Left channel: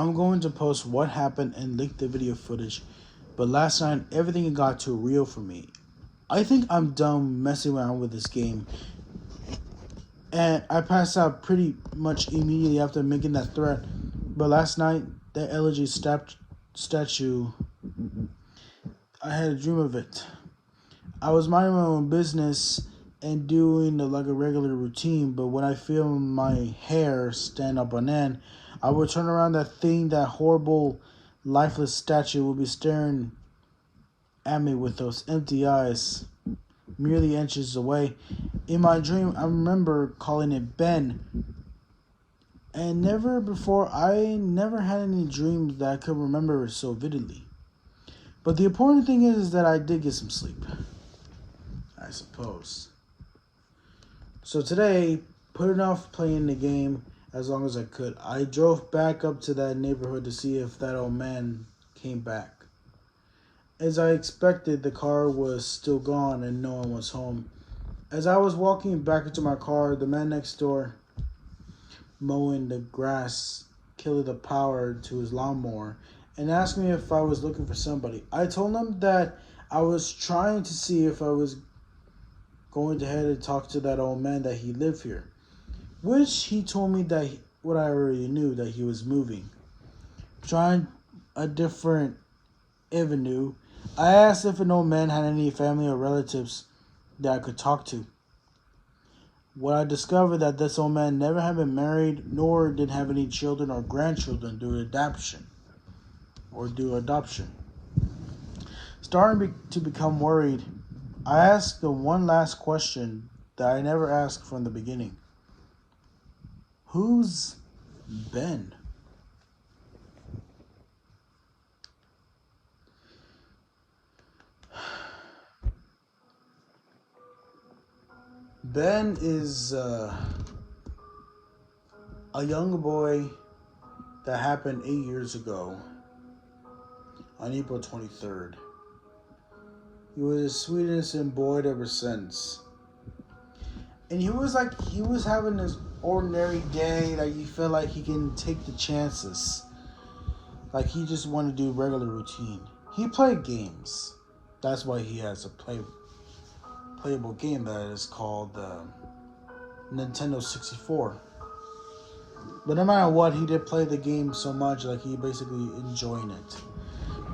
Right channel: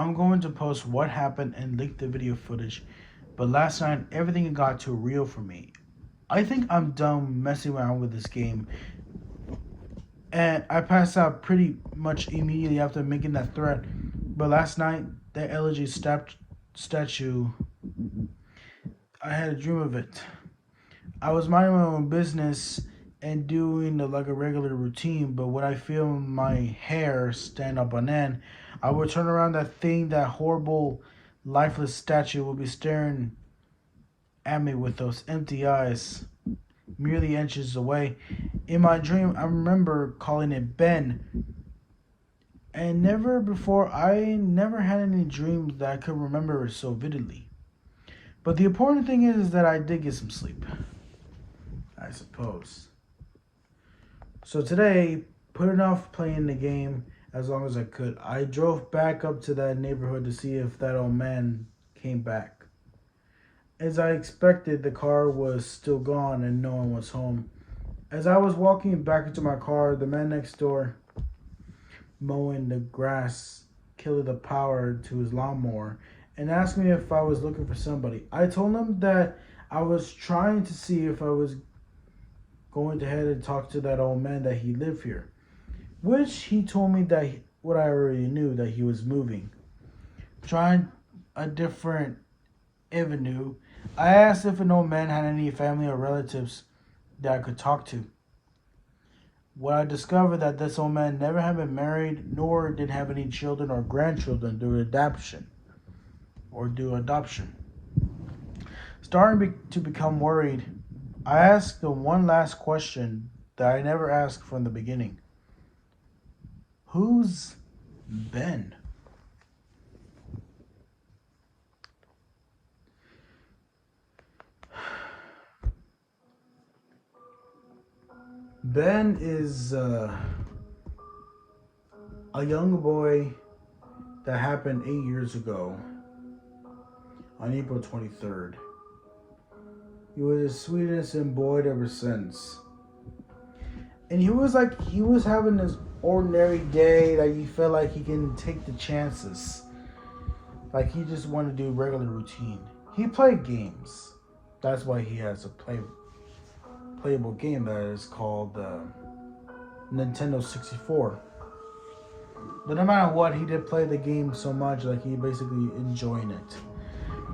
I'm going to post what happened and link the video footage, but last night everything got too real for me. I think I'm done messing around with this game, and I passed out pretty much immediately after making that threat. But last night, that elegy statue, I had a dream of it. I was minding my own business and doing like a regular routine, but when I feel my hair stand up on end, I would turn around that thing, that horrible, lifeless statue will be staring at me with those empty eyes, merely inches away. In my dream, I remember calling it Ben, and I never had any dreams that I could remember so vividly. But the important thing is that I did get some sleep, I suppose. So today, putting off playing the game as long as I could, I drove back up to that neighborhood to see if that old man came back. As I expected, the car was still gone and no one was home. As I was walking back into my car, the man next door, mowing the grass, killed the power to his lawnmower and asked me if I was looking for somebody. I told him that I was trying to see if I was going to head and talk to that old man that he lived here, which he told me that what I already knew, that he was moving, trying a different avenue. I asked if an old man had any family or relatives that I could talk to. What I discovered that this old man never had been married, nor did have any children or grandchildren due adoption. Starting to become worried, I asked the one last question that I never asked from the beginning. Who's Ben? Ben is a young boy that happened 8 years ago on April 23rd. He was the sweetest and boy ever since. And he was having this ordinary day that you felt like he can take the chances. Like he just wanted to do regular routine. He played games. That's why he has a playable game that is called Nintendo 64. But no matter what, he did play the game so much, like he basically enjoying it.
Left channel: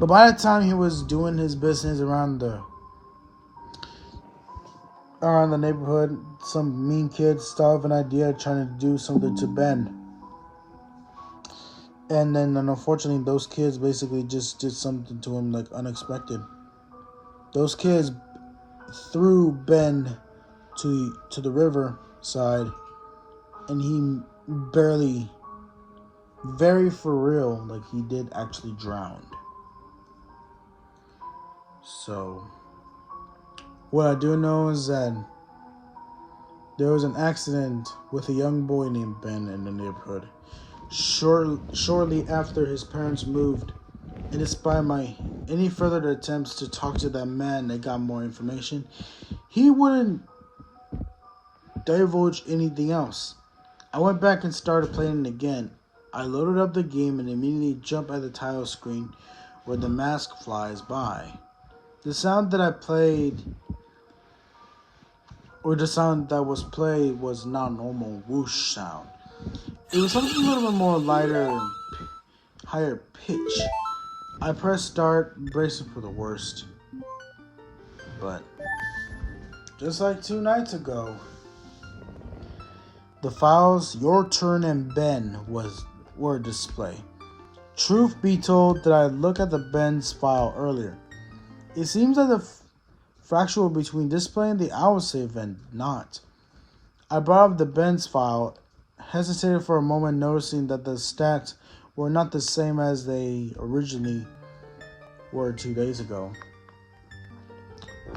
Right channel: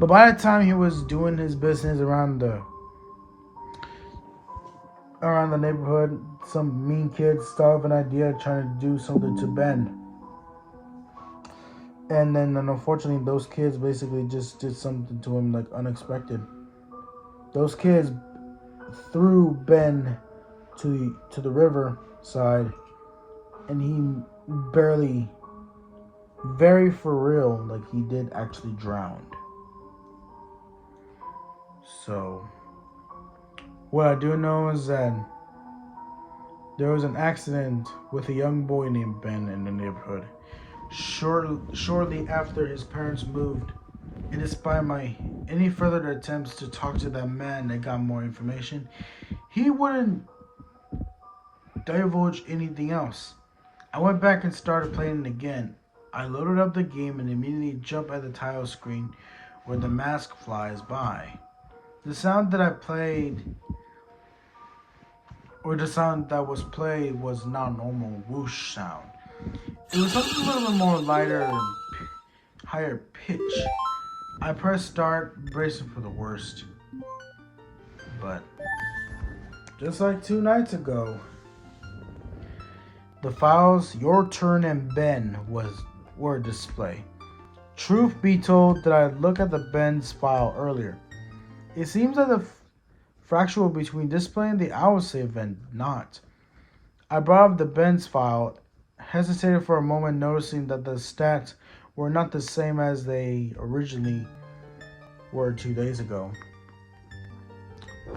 But by the time he was doing his business around the neighborhood, some mean kids thought of an idea trying to do something to Ben. And then unfortunately those kids basically just did something to him like unexpected. Those kids threw Ben to the river side, and he barely, very for real, like he did actually drown. So what I do know is that there was an accident with a young boy named Ben in the neighborhood shortly after his parents moved. And despite my any further attempts to talk to that man that got more information, he wouldn't divulge anything else. I went back and started playing it again. I loaded up the game and immediately jumped at the title screen where the mask flies by. The sound that was played was not normal whoosh sound. It was something a little bit more lighter and higher pitch. I pressed start, bracing for the worst. But just like 2 nights ago, the files Your Turn and Ben were displayed. Truth be told, that I looked at the Ben's file earlier. It seems that the fractional between displaying the autosave and not. I brought up the Ben's file, hesitated for a moment, noticing that the stats were not the same as they originally were 2 days ago.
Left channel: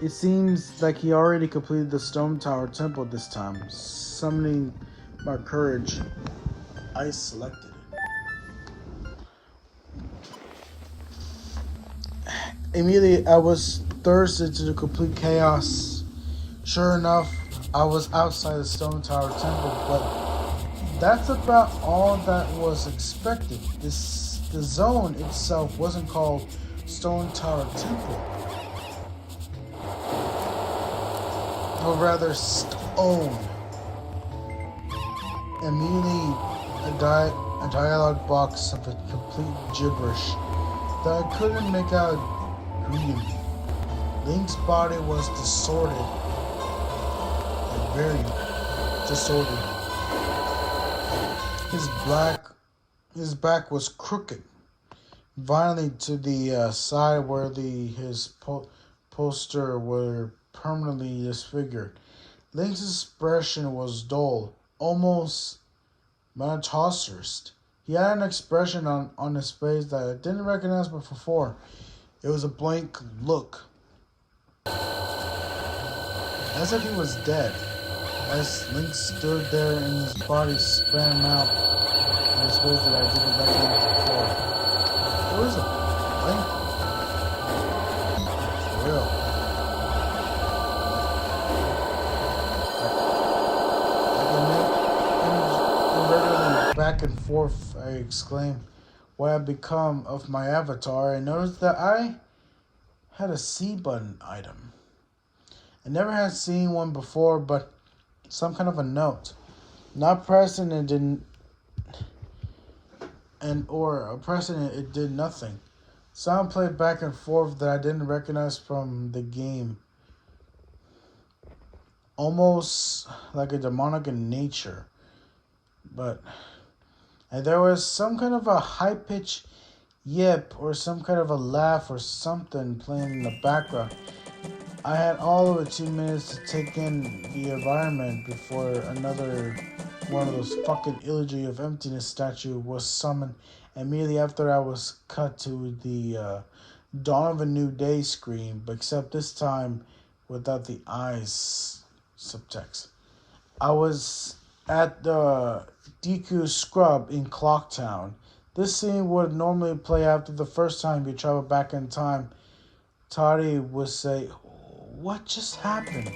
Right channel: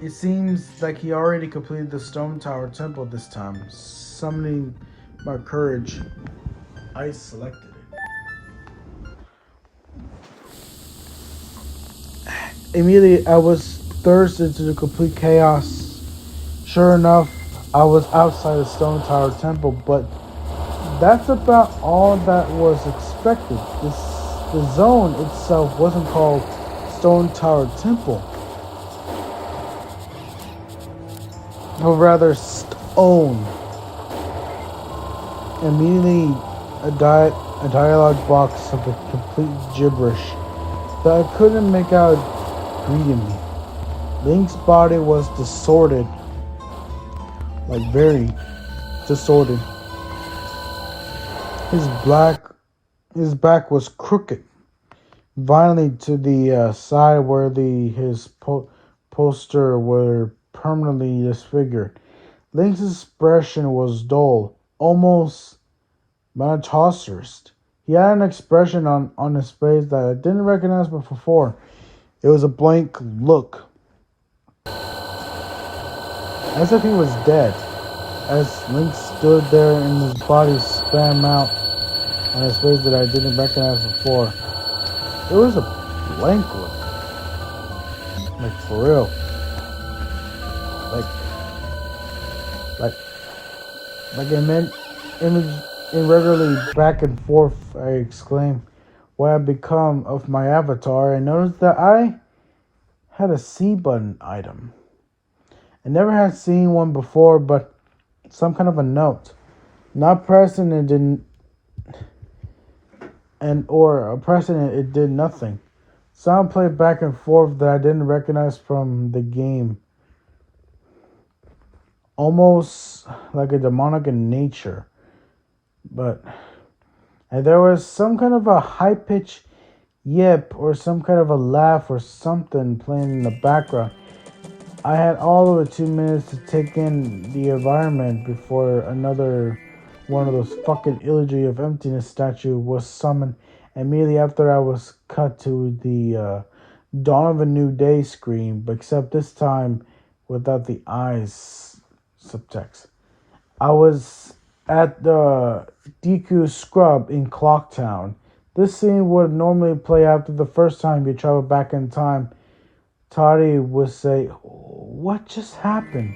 It seems like he already completed the Stone Tower Temple this time. Summoning my courage, I selected it. Immediately, I was thrust into the complete chaos. Sure enough, I was outside the Stone Tower Temple, but that's about all that was expected. the zone itself wasn't called Stone Tower Temple, but rather Stone. Immediately, a dialogue box of a complete gibberish that I couldn't make out greeted me. Link's body was distorted, like very distorted. His back was crooked, violently to the side where his poster were permanently disfigured. Link's expression was dull, almost monotonous. He had an expression on his face that I didn't recognize before. It was a blank look, as if he was dead. As Link stood there and his body span out on his face that I didn't recognize before. It was a blank look. Like, for real. Like an image regularly back and forth, I exclaimed, what had become of my avatar. I noticed that I had a C button item. I never had seen one before, but some kind of a note. Not pressing it didn't, pressing it did nothing. Sound played back and forth that I didn't recognize from the game. Almost like a demonic in nature. And there was some kind of a high-pitched yip or some kind of a laugh or something playing in the background. I had all of 2 minutes to take in the environment before another one of those fucking Elegy of Emptiness statue was summoned. Immediately after, I was cut to the Dawn of a New Day screen, but except this time without the eyes subtext. I was at the DQ Scrub in Clocktown. This scene would normally play after the first time you travel back in time. Toddy would say, "What just happened?"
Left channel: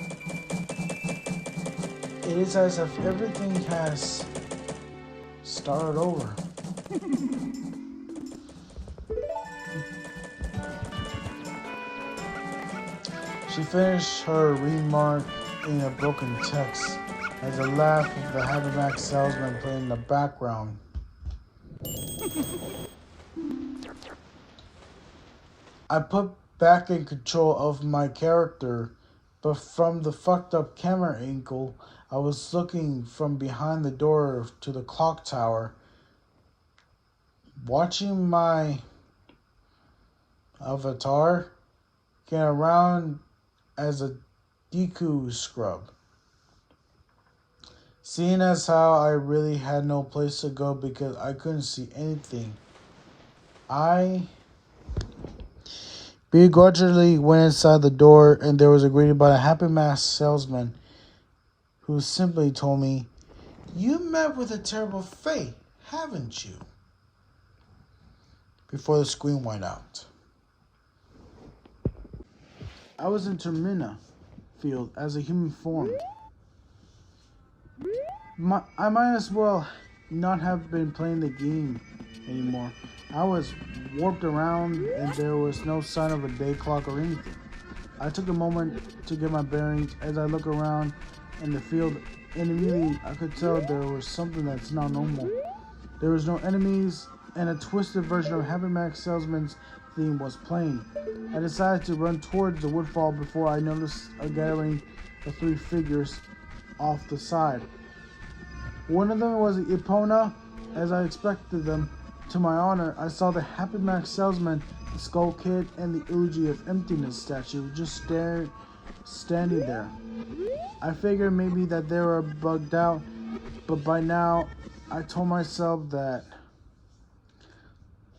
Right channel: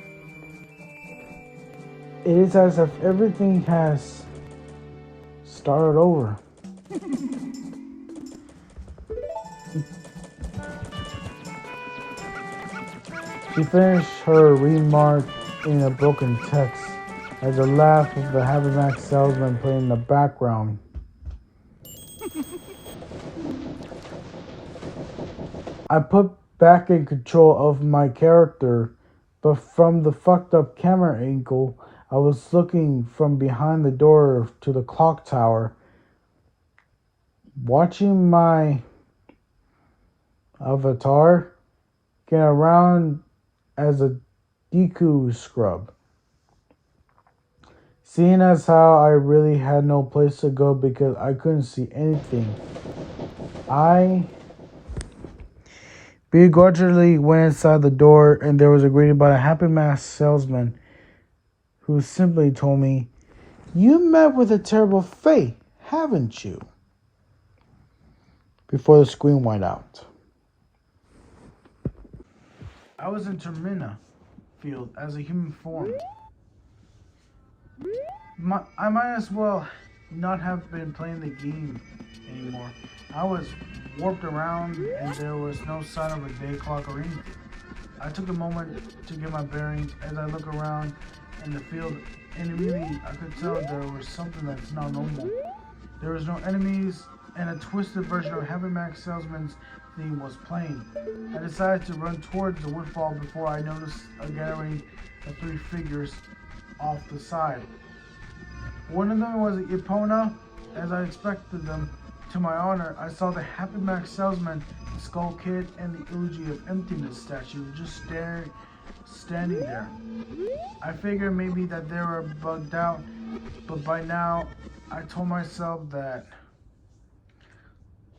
It is as if everything has started over. She finished her remark in a broken text as the laugh of the Happy Max salesman played in the background. I put back in control of my character, but from the fucked up camera angle, I was looking from behind the door to the clock tower, watching my avatar get around as a Deku scrub. Seeing as how I really had no place to go because I couldn't see anything, I begrudgingly went inside the door, and there was a greeting by a Happy Mask salesman who simply told me, "You met with a terrible fate, haven't you?" Before the screen went out. I was in Termina field as a human form. I might as well not have been playing the game anymore. I was warped around and there was no sign of a day clock or anything. I took a moment to get my bearings as I look around in the field, and immediately I could tell there was something that's not normal. There was no enemies, and a twisted version of Happy Max Salesman's theme was playing. I decided to run towards the woodfall before I noticed a gathering of 3 figures off the side. One of them was Epona, as I expected them. To my honor, I saw the Happy Max Salesman, the Skull Kid, and the Elegy of Emptiness statue just standing there. I figured maybe that they were bugged out, but by now I told myself that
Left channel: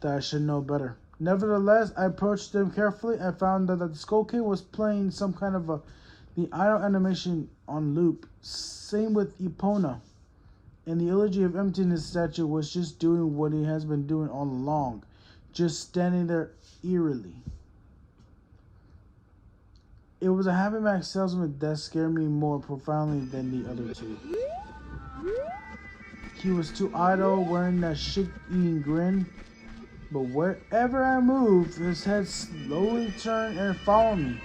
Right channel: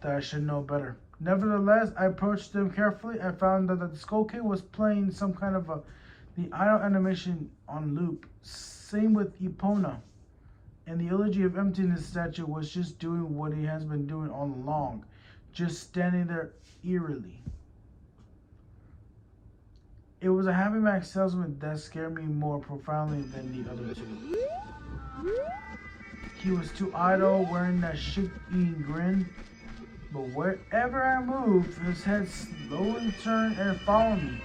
I should know better. Nevertheless, I approached them carefully and found that the Skull Kid was playing some kind of the idle animation on loop. Same with Epona. And the Elegy of Emptiness statue was just doing what he has been doing all along, just standing there eerily. It was a Happy Max salesman that scared me more profoundly than the other 2. He was too idle, wearing that shit-eating grin, But wherever I moved, his head slowly turned and followed me.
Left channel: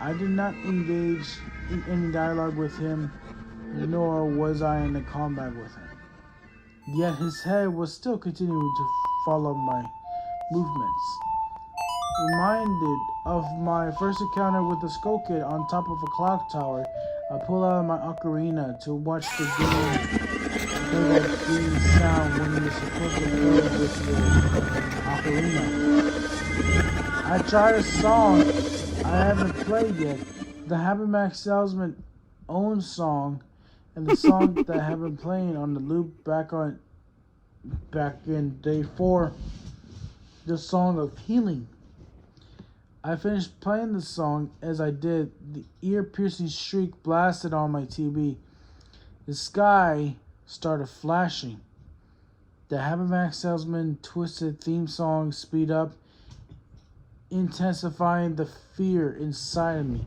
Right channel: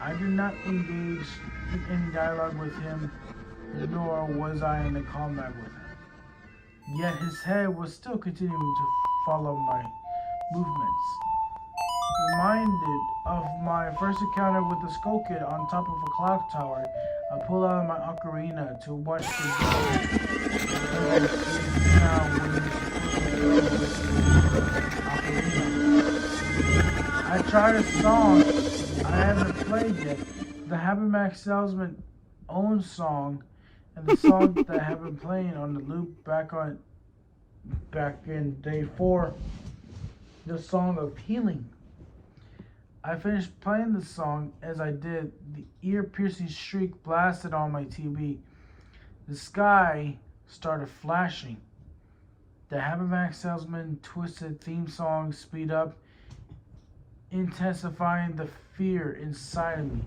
I did not engage in any dialogue with him, nor was I in a combat with him. Yet his head was still continuing to follow my movements. Reminded of my first encounter with the Skull Kid on top of a clock tower, I pull out my ocarina to watch the game play the sweet sound when this ocarina. I tried a song I haven't played yet, the Happy Mac Salesman own song, and the song that I have been playing on the loop back in day 4, the Song of Healing. I finished playing the song. As I did, the ear-piercing shriek blasted on my TV. The sky started flashing. The Happy Mac Salesman twisted theme song speed up, intensifying the fear inside of me.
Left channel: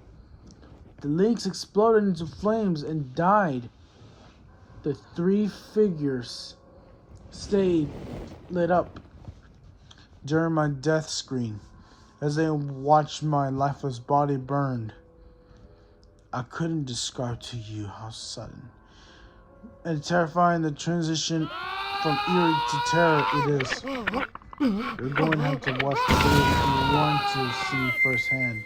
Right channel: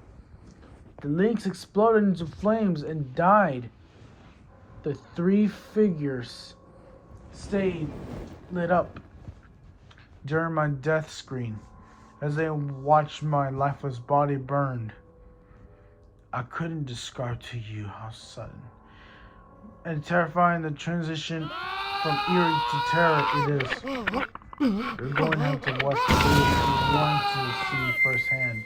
The links exploded into flames and died. The 3 figures stayed lit up during my death screen as they watched my lifeless body burned. I couldn't describe to you how sudden and terrifying the transition from eerie to terror it is. We're going to have to watch the video if you want to see firsthand.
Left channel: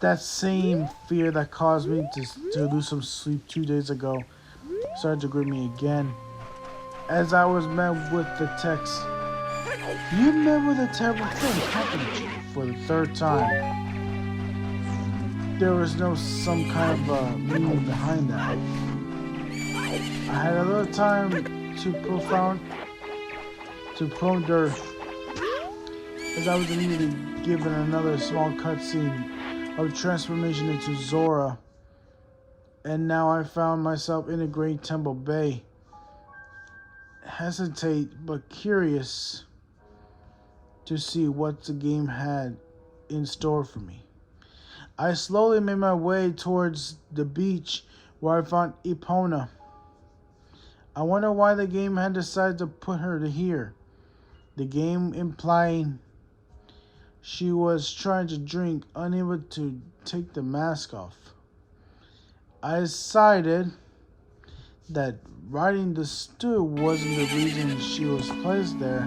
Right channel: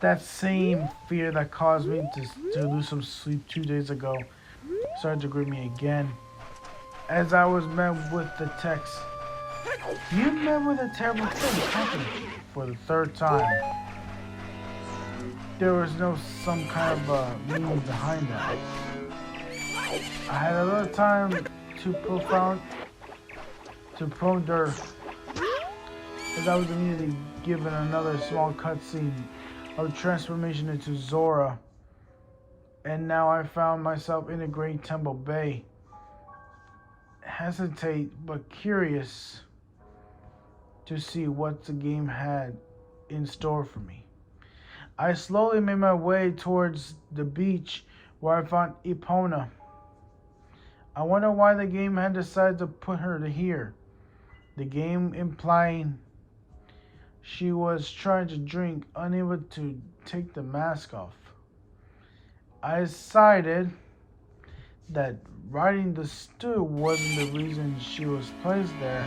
That same fear that caused me to lose some sleep 2 days ago started to grip me again as I was met with the text, "You met with a terrible thing happened," for the 3rd time. There was no some kind of meaning behind it. I had a little time to ponder as I was immediately given another small cutscene of transformation into Zora, and now I found myself in a Great Temple Bay, hesitate but curious to see what the game had in store for me. I slowly made my way towards the beach where I found Epona. I wonder why the game had decided to put her here. The game implying she was trying to drink, unable to take the mask off. I decided that riding the stew wasn't the reason she was placed there.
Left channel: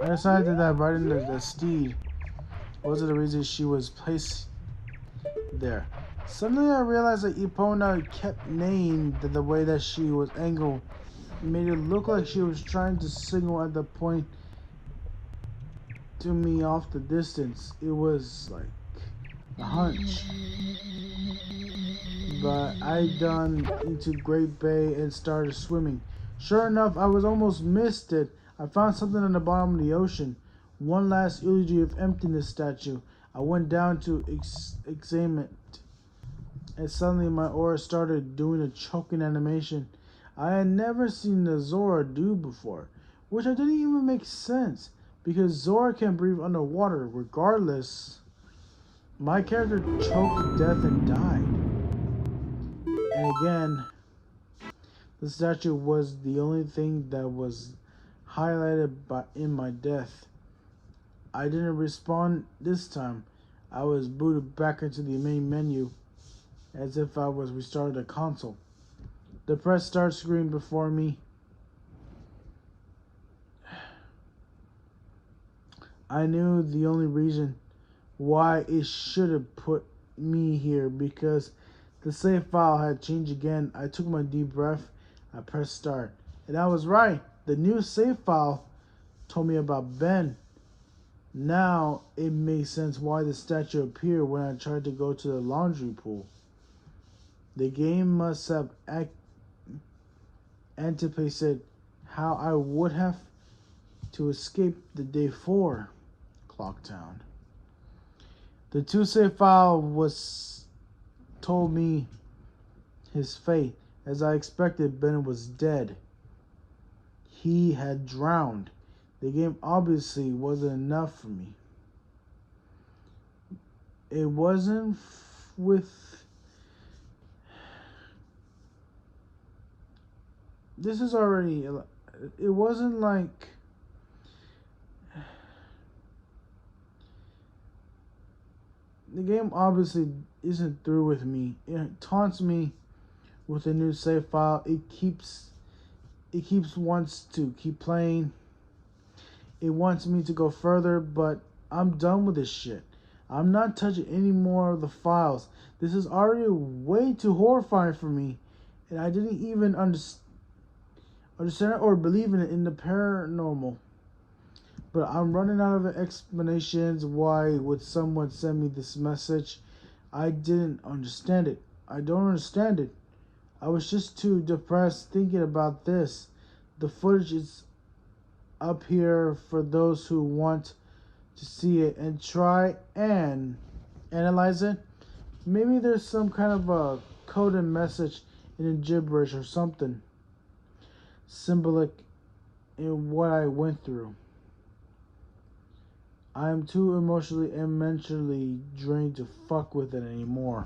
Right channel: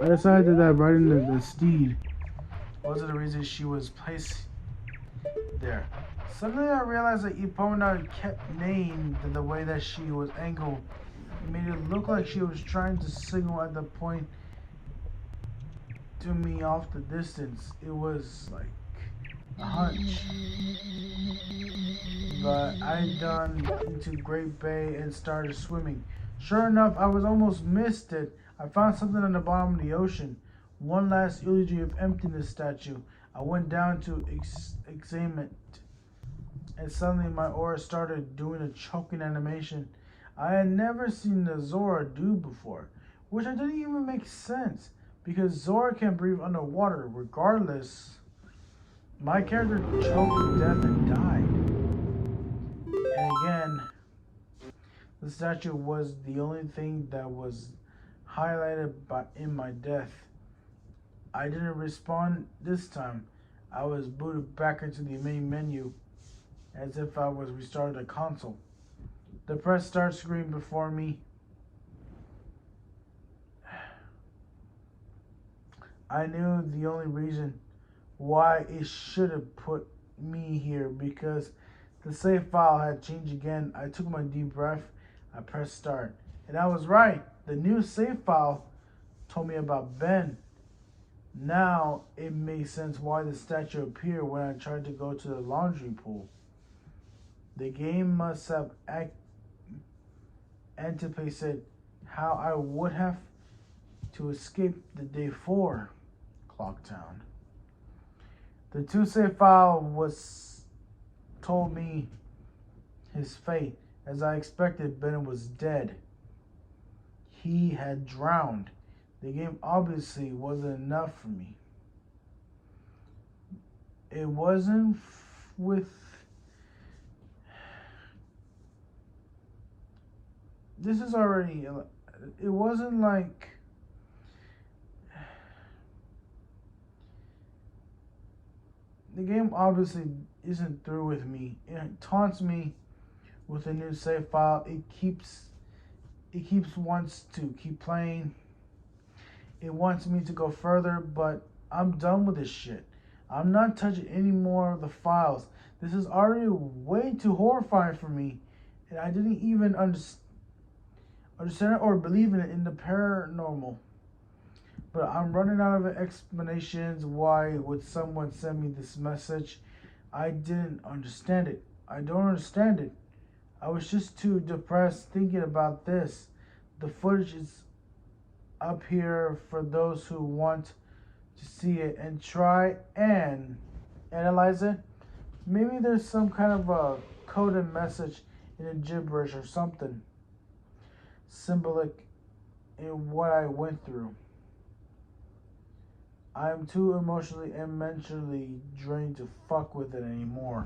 I decided that riding the steed wasn't the reason she was placed there. Suddenly I realized that Epona kept neighing the way that she was angled. It made it look like she was trying to signal at the point to me off the distance. It was like a hunch. But I done into Great Bay and started swimming. Sure enough, I was almost missed it. I found something on the bottom of the ocean. One last eulogy of emptiness statue. I went down to examine it, and suddenly my aura started doing a choking animation I had never seen the Zora do before, which I didn't even make sense, because Zora can breathe underwater. Regardless, my character choked to death and died. And again, the statue was the only thing that was highlighted in my death. I didn't respond this time. I was booted back into the main menu as if I was restarting the console. The press start screen before me. I knew the only reason why it should have put me here, because the save file had changed again. I took my deep breath. I pressed start. And I was right. The new save file told me about Ben. Now it makes sense why the statue appeared when I tried to go to the laundry pool. The game must have anticipated how I would have to escape the day 4 Clocktown. The 2 save file was told me his fate. As I expected, Ben was dead. He had drowned. The game obviously wasn't enough for me. It wasn't with. This is already. It wasn't like. The game obviously isn't through with me. It taunts me with a new save file. It keeps wants to keep playing. It wants me to go further, but I'm done with this shit. I'm not touching any more of the files. This is already way too horrifying for me, and I didn't even understand or believe in the paranormal. But I'm running out of explanations. Why would someone send me this message? I didn't understand it. I don't understand it. I was just too depressed thinking about this. The footage is up here for those who want to see it and try and analyze it. Maybe there's some kind of a coded message in a gibberish or something symbolic in what I went through. I am too emotionally and mentally drained to fuck with it anymore.